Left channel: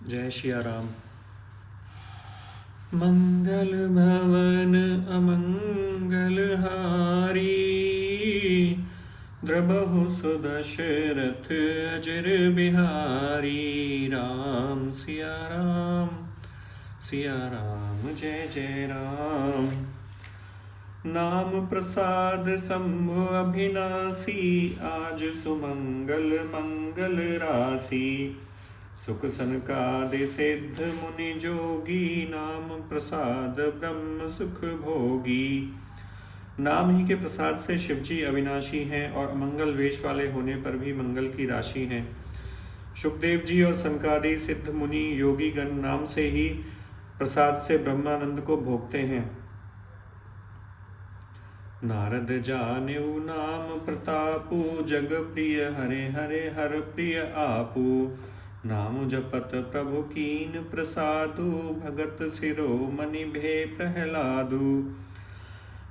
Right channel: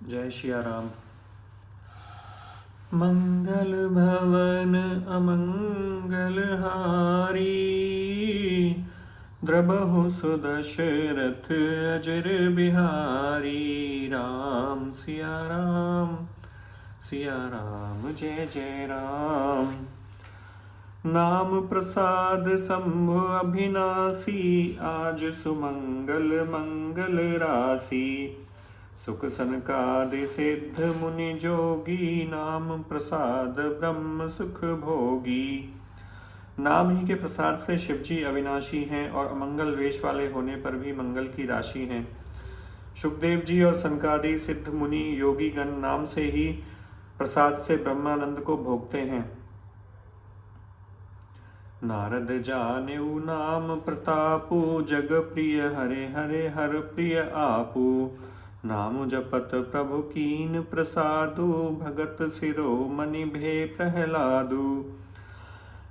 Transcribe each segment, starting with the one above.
जय सिया राम। मंगल भवन अमंगल हारी, द्रबहु सुदशरथ अजर बिहारी। राम सिया राम, सिया राम जय जय राम। नाम प्रसाद शंभु अभिनाशी, आज सुमंगल मंगल राशि। सुख सनकादि सिद्ध मुनि जोगी, नाम प्रसाद ब्रह्म सुख भोगी। नाम ही के प्रसाद से शिवजी अविनाशी हैं और अमंगल वेश वाले होने पर भी मंगल की राशि हैं। सुखदेव जी और सनकादि सिद्ध मुनि योगी गण नाम से ही प्रसाद से ब्रह्मानंद को भोगते हैं। नारद जानेऊ नाम प्रतापु, जग प्रिय हरे हरे हर प्रिय आपू। नाम जपत प्रभु कीन प्रसादु, भगत शिरोमणि भे प्रहलादु।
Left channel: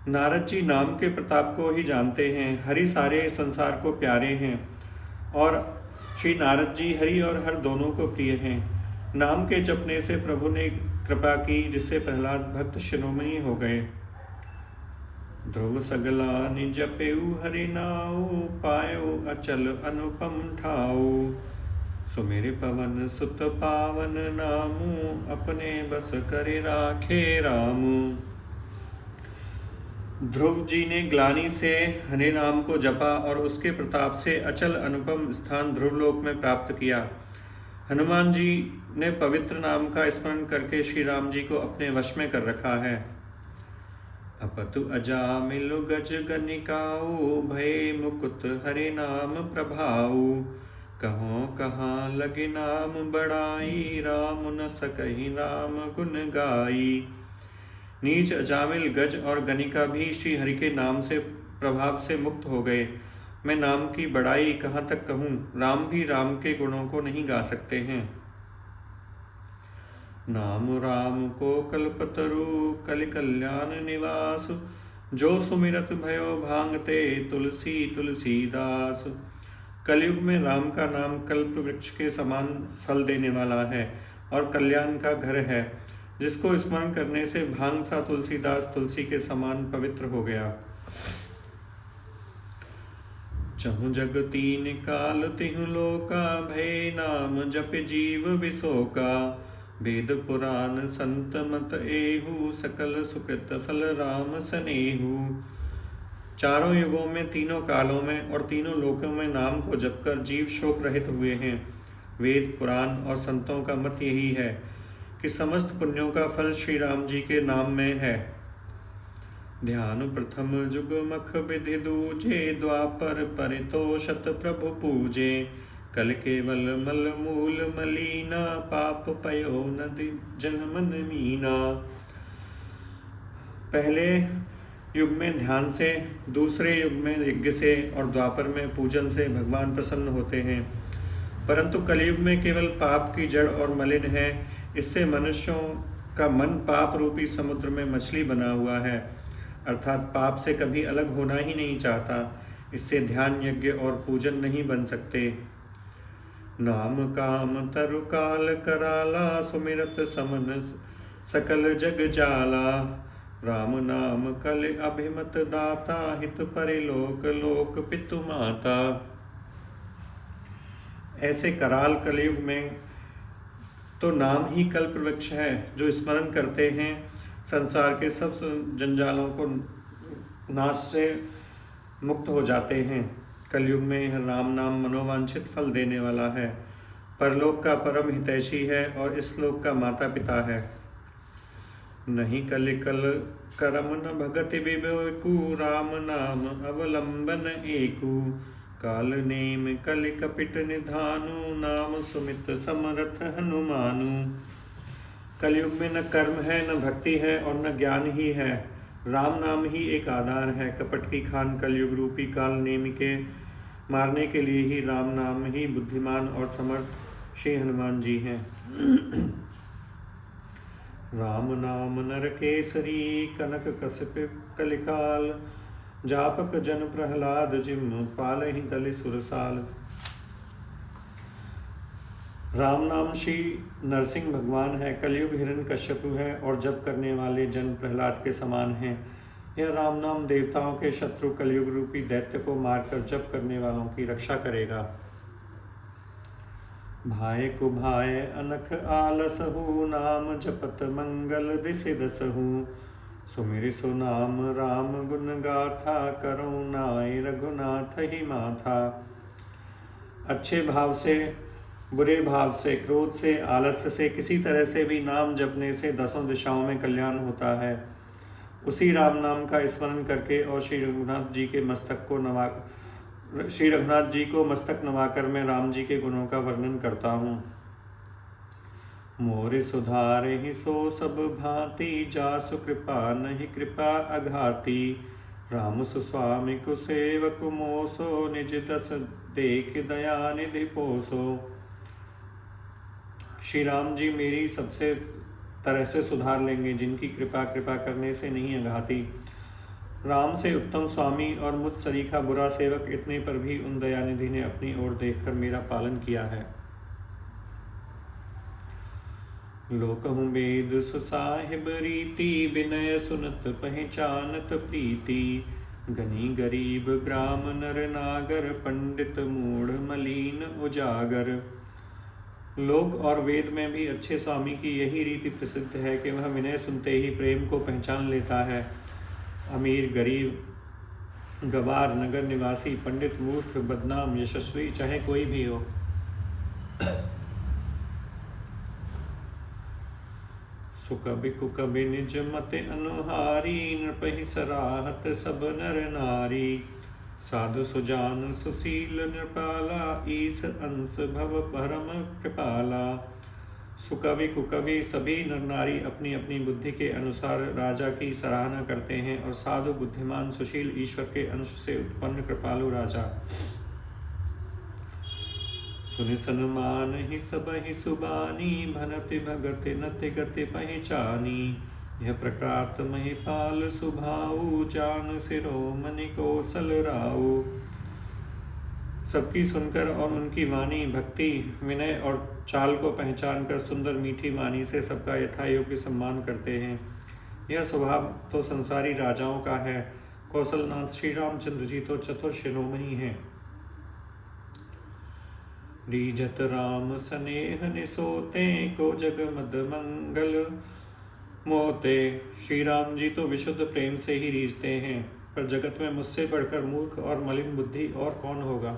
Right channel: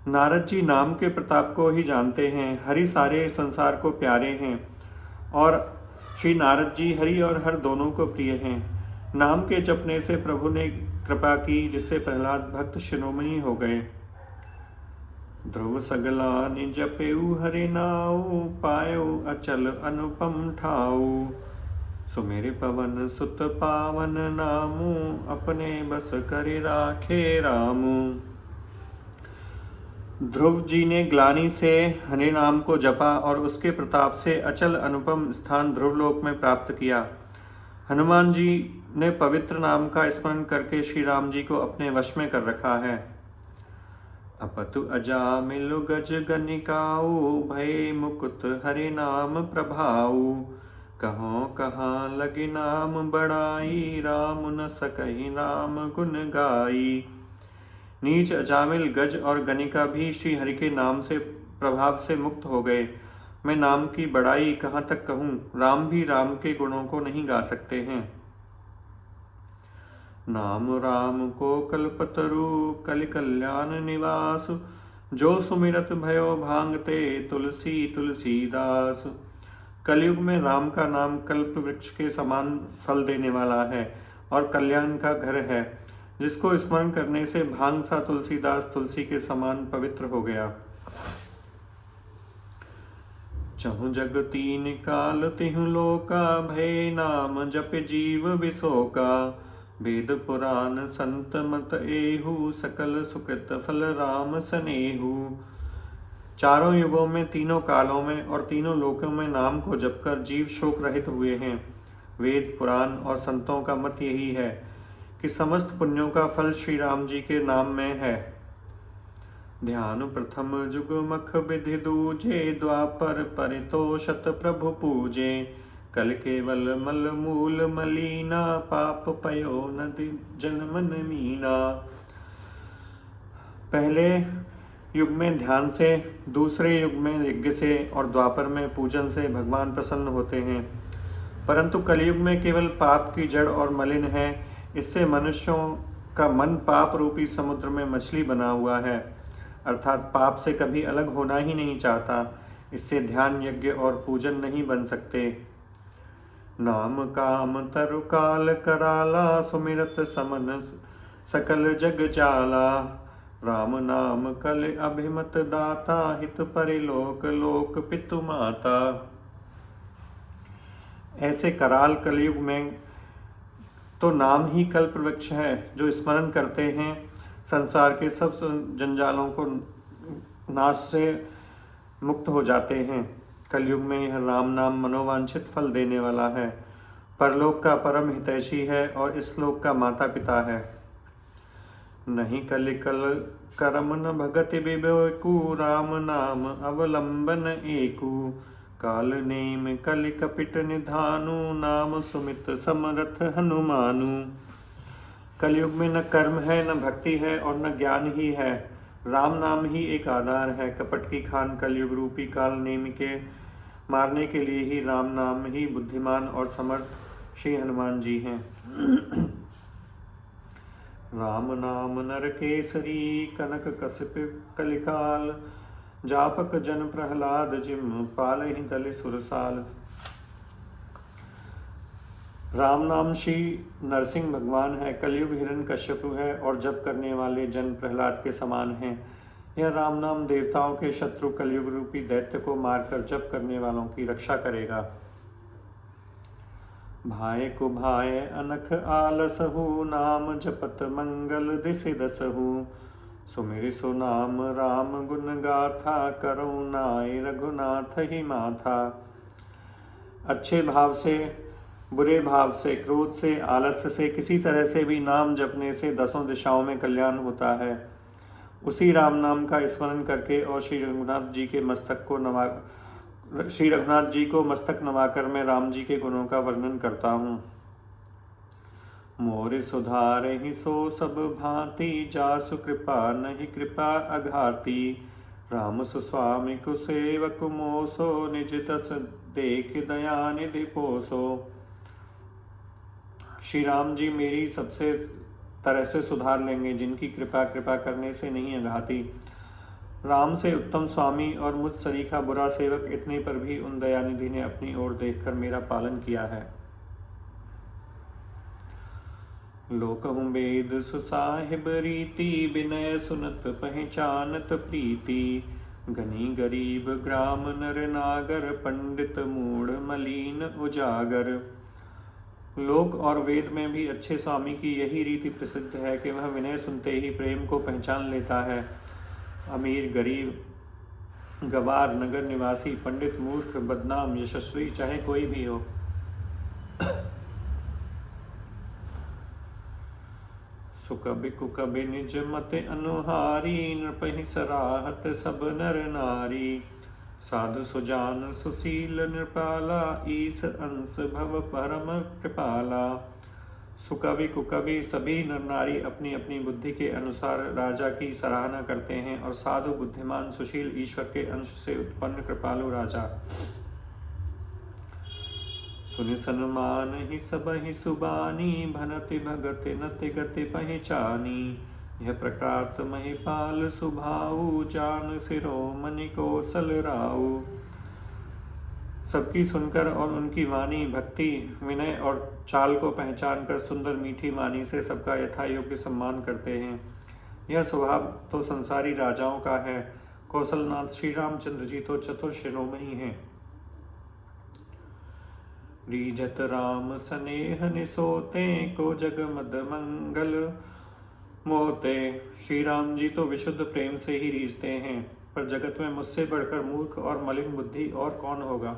नारद जी नाम के प्रताप को ही जानते हैं। हरि सारे संसार को प्यारे हैं और श्री नारद जी हरि और हर दोनों को प्रिय हैं। नाम के जपने से प्रभु ने कृपा की, जिससे प्रहलाद भक्त शिरोमणि हो गए। ध्रुव सगला निज जपेऊ हरि नाऊ, पायो अचल अनुपम ठाऊ। सुमेर पवन सुत पावन नामू, अपने बस कर राखे रामू। ध्रुव जी ने ग्लानि से हरि नाम को जपा और उसके प्रताप से अचल अनुपम स्थान ध्रुवलोक में प्राप्त किया। हनुमान जी ने पवित्र नाम का स्मरण करके श्री राम जी को अपने वश में कर रखा है। अपतु अजामिलु गज गनिकाऊ, भय मुकुत हरि नाम प्रभाऊ। कहो कहाँ लगे नाम बड़ाई, राम न सकहि राम गुण गाई। नीच अजामिल गज और गनिका भी श्री हरि के नाम से प्रभाव से मुक्त हो गए। मैं नाम की बड़ाई कहाँ तक कहूँ, राम भी राम के गुणों को नहीं गा सकते हैं। नाम राम को कल्पतरु, कलि कल्याण निवास। जो सुमिरत भयो भांगते, तुलसी तुलसीदास। कलयुग में राम का नाम कल्प वृक्ष के समान फल देने वाला है और कल्याण का घर है। जिसको स्मरण करने से भांग सा तुलसीदास तुलसी के समान पवित्र हो गया। चहु जग तीन काल तिहु लोका, भय नाम जप जीव विशोका। वेद पुराण संत मत एहु, सकल सुकृत फल राम सनेहु। चारों युगों में, तीनों कालों में और तीनों लोकों में नाम को जपकर जीव शोक रहित हुए हैं। वेद पुराण और संतों का मत यही है कि समस्त पुण्यों का फल श्री राम जी के नाम में है। ध्यान प्रथम जुग मख विधि दूजे, द्वापर परितोषत प्रभु पूजे। कल केवल मल मूल मलीना, पाप पयो नदि जनमन मीना। पहले युग में ध्यान से, दूसरे युग में यज्ञ से और द्वापर में पूजन से भगवान प्रसन्न होते हैं। परंतु कलयुग में केवल पाप की जड़ और मलिन है। इससे मनुष्यों का मन पाप रूपी समुद्र में मछली बना हुआ है, अर्थात पाप से कभी अलग होना ही नहीं चाहता। इससे ध्यान यज्ञ और पूजन नहीं बन सकते। नाम काम तरु काल कराला, सुमिरत समन सकल जग जाला। राम नाम कल अभिमत दाता, हित परिलोक लोक पितु माता। ऐसे कराल कलयुग में तो नाम ही कल्प वृक्ष है। जो स्मरण करते हैं संसार के सब जंजालों को नाश से मुक्त हो जाते हैं। कलयुग में यह राम नाम मनोवांछित फल देने वाला है। परलोक का परम हितैषी है और इस लोक का माता पिता है। नहीं कलि कल करम न भगति विवेकु, राम नाम अवलंबन एकु। काल नेम कलि कपिट निधानु, नाम सुमित समरथ हनुमानु। कलयुग में न कर्म है, न भक्ति है और न ज्ञान ही है। राम नाम ही एक आधार है। कपट की खान कलयुग रूपी काल नेम के मारने के लिए ही राम नाम ही बुद्धिमान और समर्थ श्री हनुमान जी हैं। राम नाम नर केसरी, कनक कश्यप कलिकाल। जापक जन प्रहलाद जिम, पालहि दलि सुरसाल। राम नाम श्री नरसिंह भगवान है, कलयुग हिरण्यकश्यप है और जप करने वाले जन प्रहलाद के समान हैं। यह राम नाम देवताओं के शत्रु कलयुग रूपी दैत्य को मारकर जप करने वालों की रक्षा करेगा। भाय कुभाय अनख आलसहु, नाम जपत मंगल दिसि दसहु। सुमिरि सो नाम राम गुण गाथा, करुणाय रघुनाथ ही माथा। अच्छे भाव से, बुरे भाव से, क्रोध से, आलस्य से, किसी तरह से भी नाम जपने से 10 दिशाओं में कल्याण होता है। उसी राम नाम का स्मरण करके और श्री रघुनाथ जी को मस्तक नवाकर मैं राम जी के गुणों का वर्णन करता हूँ। मोर सुधारे ही सो सब भांति, जासु कृपा नहीं कृपा अघाती। राम सुस्वामी कुसेवक मोसो, निज दस देख दया निधि पोसो। श्री राम जी मेरी सबसे तरह से सुधार लेंगे, जिनकी कृपा करने से नहीं अघाती। राम से उत्तम स्वामी और मुझ सरीखा बुरा सेवक, इतने पर भी उन दयानिधि ने अपनी ओर देखकर मेरा पालन किया है। लोकहु वेद सुसाहिब रीति, विनय सुनत पहचानत प्रीति। गनी गरीब ग्राम नर नागर, पंडित मूढ़ मलीन उजागर। लोक और वेद में भी अच्छे स्वामी की यही रीति प्रसिद्ध है कि वह विनय सुनते ही प्रेम को पहचान लेता है। अमीर गरीब, गवार, नगर निवासी, पंडित मूर्ख, बदनाम, यशस्वी, चाहे कोई भी हो, सुकबि कुकबि निज मति अनुहारी। नृपहि सराहत सब नर नारी। साधु सुजान सुशील नृपाला, ईस अंश भव परम कृपाला। सुकवि कुकवि सभी नर नारी अपनी अपनी बुद्धि के अनुसार राजा की सराहना करते हैं, और साधु, बुद्धिमान, सुशील, ईश्वर के अंश से उत्पन्न कृपालु राजा। सुनि सन्मान ही सब ही सुबानी, भनति भगति नति गति पहचानी। यह प्रकात महिपाल सुभाऊ, जान शिरोमणि कौशल राऊ। सबकी सुनकर और उनकी वाणी, भक्ति, विनय और चाल को पहचान कर सुंदर मीठी वाणी से सबका यथा योग्य सम्मान करते हैं। यह स्वभाव तो संसारी राजाओं का है। कौशलनाथ श्री रामचंद्र जी तो चतुर शिरोमणि हैं। रीझत राम स्नेह निसोते, को जग मद मंगल मोते। श्री राम जी तो विशुद्ध प्रेम से ही रीझते हैं, पर जगत में मुझसे बढ़कर मूर्ख और मलिन बुद्धि और कौन होगा।